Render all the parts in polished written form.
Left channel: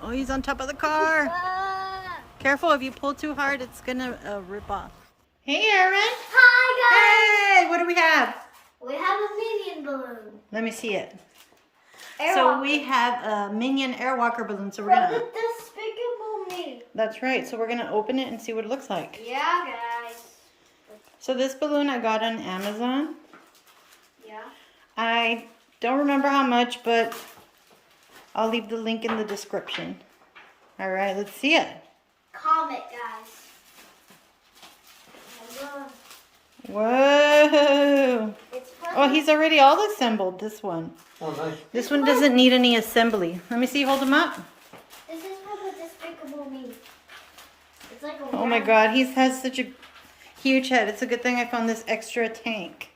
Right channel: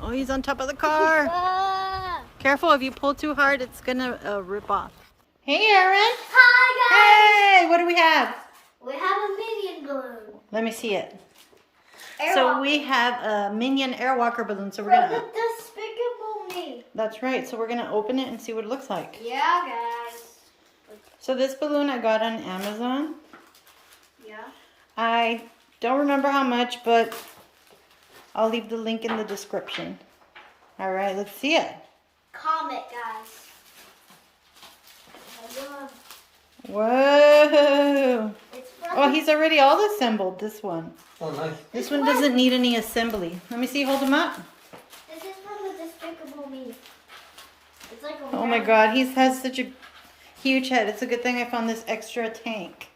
Oh, he's on top of the car. Careful, if you pull too hard, it's gonna rip off. Hey, Aaron. Hi, guys. Hey, what do we have? We have a Minion balloon. Let me see it. Airwalker. So we have a Minion Airwalker balloon. So we're gonna. The Despicable Me. That's right. So we're gonna open it and see what it looks like. Yeah, guys. So this balloon I got on Amazon. Yeah. I don't remember how much, but I'll leave the link in the description. All right, let's see it. Comment, guys. Whoa. It's Oh, he's already all assembled, this one. Oh, nice. This one doesn't need any assembly. Let me see, hold him up. This is from the Despicable Me. It's like a Oh my God, he has such a huge head. It's a good thing I found this extra tank.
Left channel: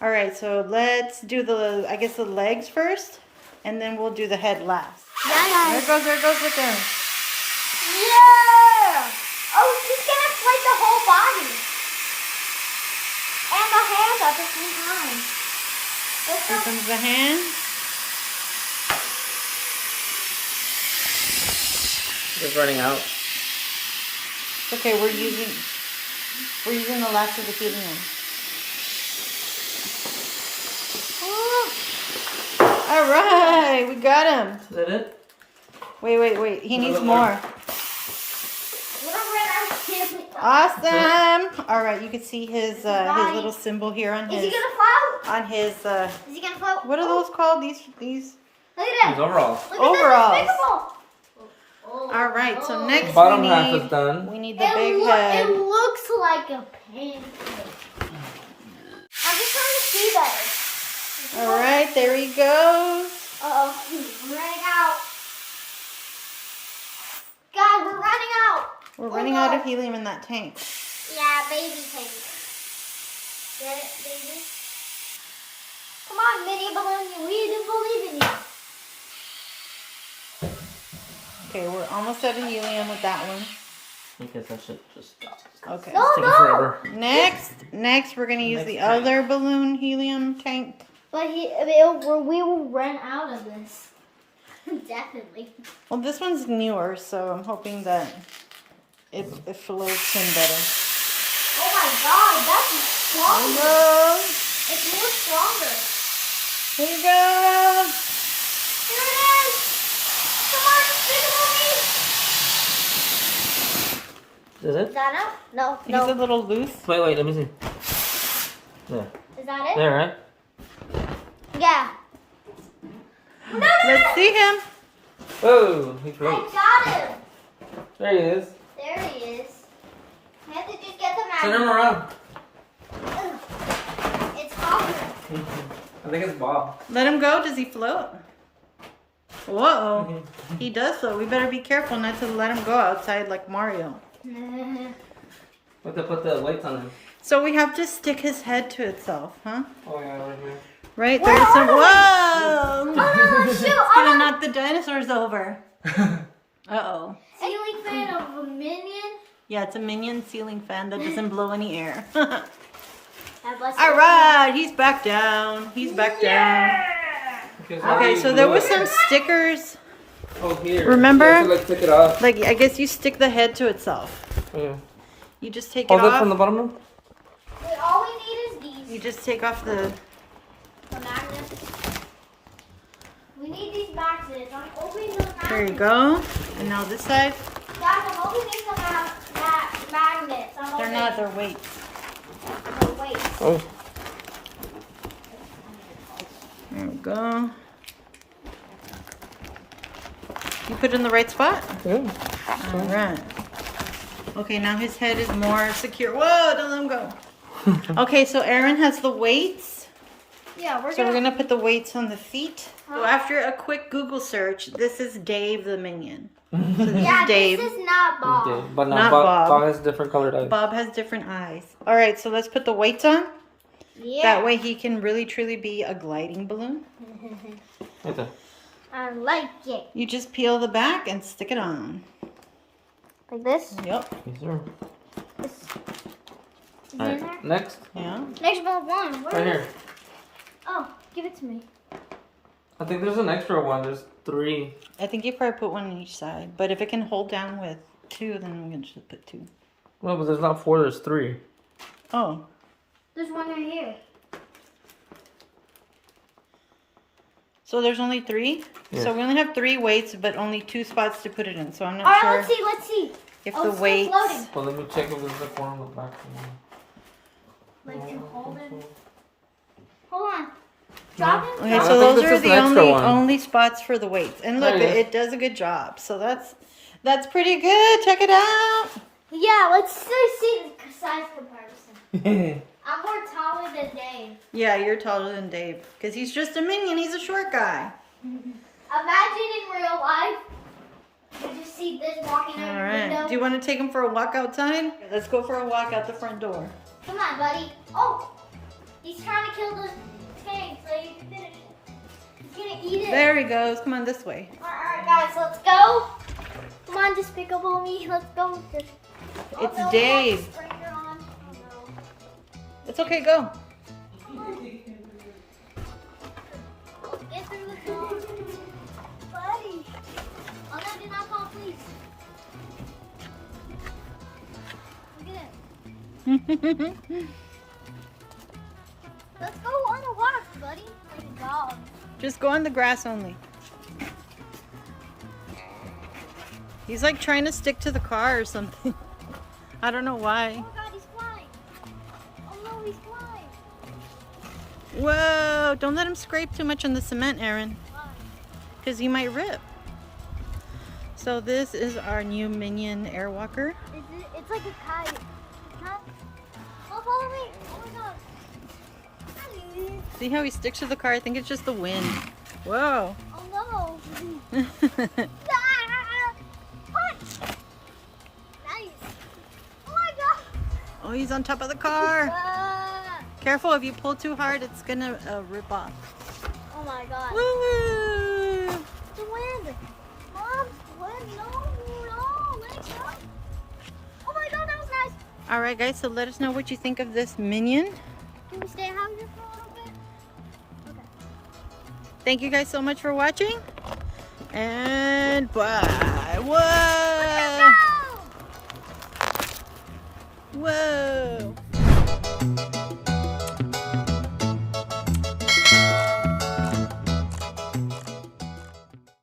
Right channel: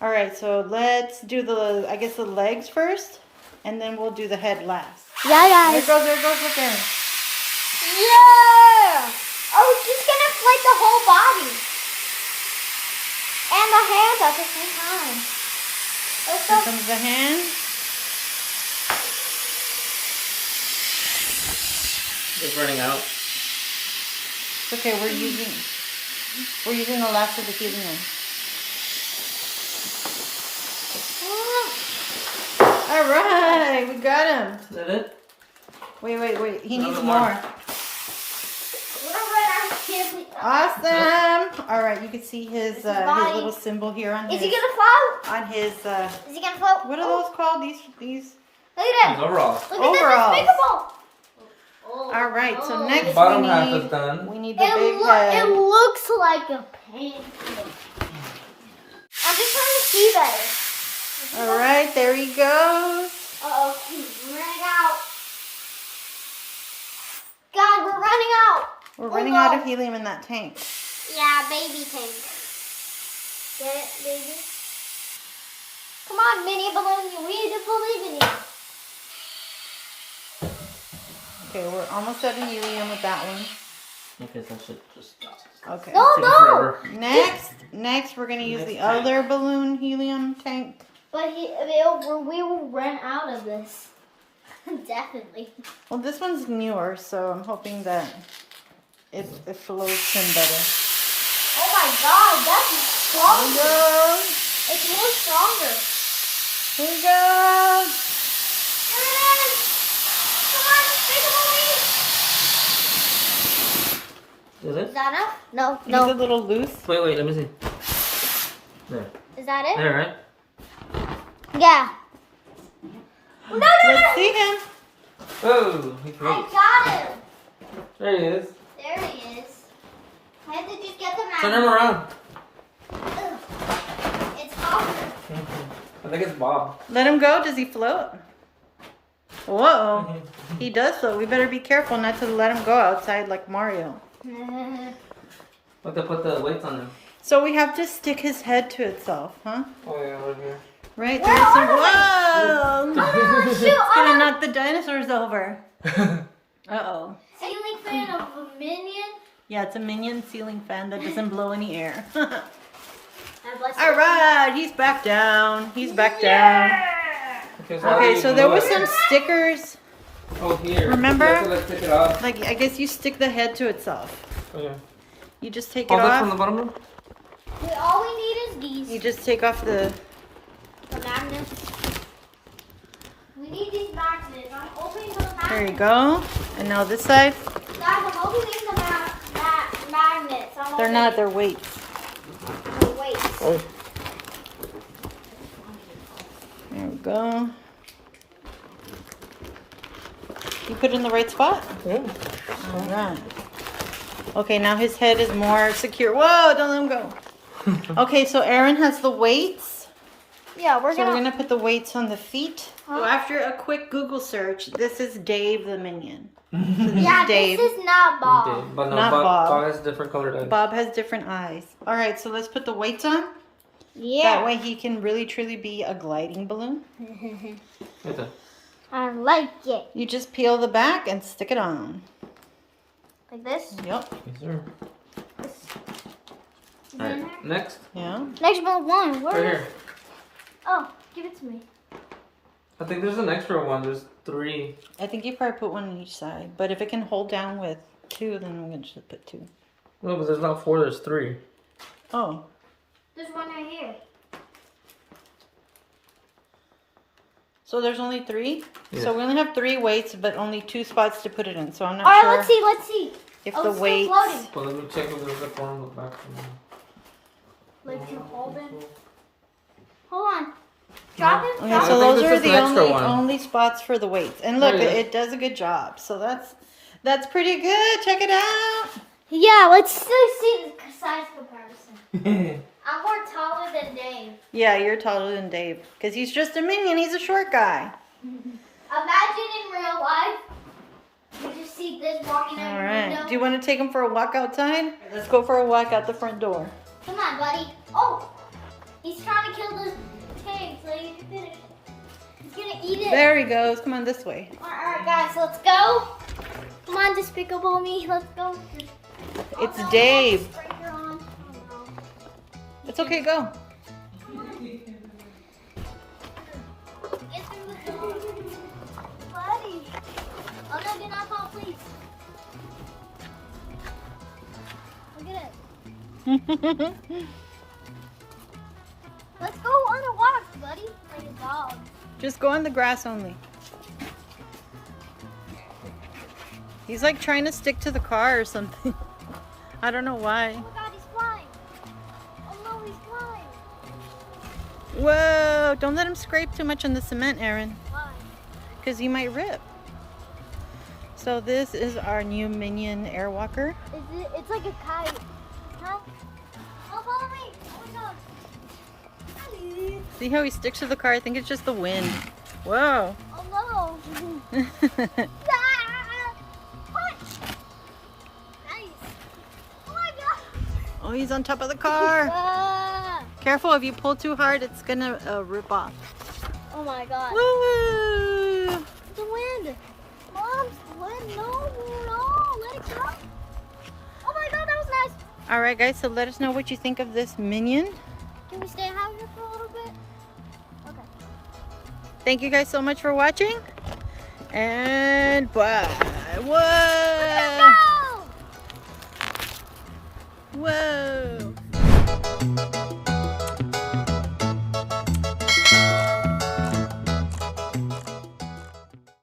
All right, so let's do the, I guess the legs first, and then we'll do the head last. Yeah, guys. There it goes, look there. Yeah! Oh, she's gonna inflate the whole body. And the hands at the same time. Here comes the hand. It's running out. It's okay, we're using the last of the helium. All right, we got him. Is that it? Wait. He needs Another more. one. Awesome. All right, you can see his little symbol here on Is he his gonna float? on his Is he gonna float? what are those called? These Look at These that. overalls. Look overalls. At that All right, so The next bottom half is done. we need the big head. It looks like a pancake. I'm just trying to see better. All right, there he goes. Uh-oh, he's running out. God, we're running out. We're running out of helium in that tank. Yeah, baby tank. Get it, baby? Come on, Minion balloons. We do believe in you. Okay, we're almost out of helium with that one. Okay, that should just stop. Okay. No, It's taking no. forever. Next we're gonna use Next the tank. other balloon helium tank. But we will run out of this. Definitely. Well, this one's newer, so I'm hoping that it floats in better. Oh my God, that's There stronger. he goes. It's more stronger. Here he goes. There it is. Come on, Despicable Me. Is Is it? that enough? No, He's no. a little loose. Wait, let me see. There. Is that it? There, right? Yeah. No. Let's see him. Whoa, he I floats. got him. There he is. There he is. I have to just get the Turn him magnet. around. Ugh. It's awesome. I think it's Bob. Let him go. Does he float? Whoa. He does float. We better be careful not to let him go outside like Mario. Put the weights on him. So we have to stick his head to itself, huh? Oh yeah, over here. Right? There was some. Whoa! Oh, shoot. It's gonna knock the dinosaurs over. Uh-oh. Ceiling fan of a Minion. Yeah, it's a Minion ceiling fan that doesn't blow any air. God bless All you. right, he's back down. He's back down. how do Okay, you so there glue was it? some stickers. Oh, here. Remember? You have to, like, take it off. Like, I guess you stick the head to itself. Yeah. You just take Oh, it look off. from the bottom row? All we need is these. You just take off the... Magnets. We need these magnets. I'm opening the magnets. There you go. And now this side. Guys, I'm opening the magnets. They're not, they're weights. Wait. Oh. There we go. You put it in the right spot? Mm. All right. Okay, now his head is more secure. Whoa, don't let him go. Okay, so Aaron has the weights. Yeah, we're So we're gonna put the weights on the feet. So after a quick Google search, this is Dave the Minion. So this Yeah, is Dave. this is not Bob. Okay, but Not Bob. Bob. Bob has different colored eyes. Bob has different eyes. All right, so let's put the weights on. Yeah. That way he can really truly be a gliding balloon. Okay. I like it. You just peel the back and stick it on. Like this? Yep. Yes, sir. This. Is it in there? Alright, next. Yeah. Next one. Where Right is here. it? Oh, give it to me. I think there's an extra one. There's 3. I think you probably put one on each side. But if it can hold down with 2, then we're going to just put 2. No, but there's not 4. There's 3. Oh. There's one right here. So there's only 3? Yeah. So we only have 3 weights, but only 2 spots to put it in. So I'm not All right, sure let's see. if Oh, the it's still weights... floating. Well, let me check if there's like one on the back. Like to hold it. Hold on. Drop it. Okay, Drop so it. those it's are just the an extra only one. only spots for the weights. And look, Yeah, yeah. it does a good job. So that's pretty good. Check it out. Yeah, let's see the size comparison. I'm more taller than Dave. Yeah, you're taller than Dave because he's just a minion. He's a short guy. Imagine in real life, you just see this walking All out the right. window. Do you want to take him for a walk outside? Let's go for a walk out the front door. Come on, buddy. Oh, he's trying to kill the tank so you can finish. He's gonna eat it. There he goes. Come on this way. All right, guys, let's go. Come on, Despicable Me. Let's go. It's no, Dave. we have a striker on. Oh, no. It's okay. Go. Get through the hole. Buddy. Oh, no, do not fall, please. Look at it. Let's go on a walk, buddy. Like a dog. Just go on the grass only. He's like trying to stick to the car or something. I don't know why. Oh, God, he's flying. Oh, no, he's flying. Whoa, don't let him scrape too much on the cement, Aaron, Why? because he might rip. So this is our new Minion Airwalker. It's like a kite. No? Don't follow me. Oh, my God. Hi. See how he sticks to the car? I think it's just the wind. Whoa. Oh, no. Ah! Punch. Nice. Oh, my God. Oh, he's on top of the car. Ah. Careful, if you pull too hard, it's gonna rip off. Oh, my God. Woo! The wind. Mom, no, let it go. Oh my God, that was nice. All right, guys, so let us know what you think of this Minion. Can we stand out here for a little bit? Okay. Thank you guys so much for watching. And bye. Whoa! Go! Whoa!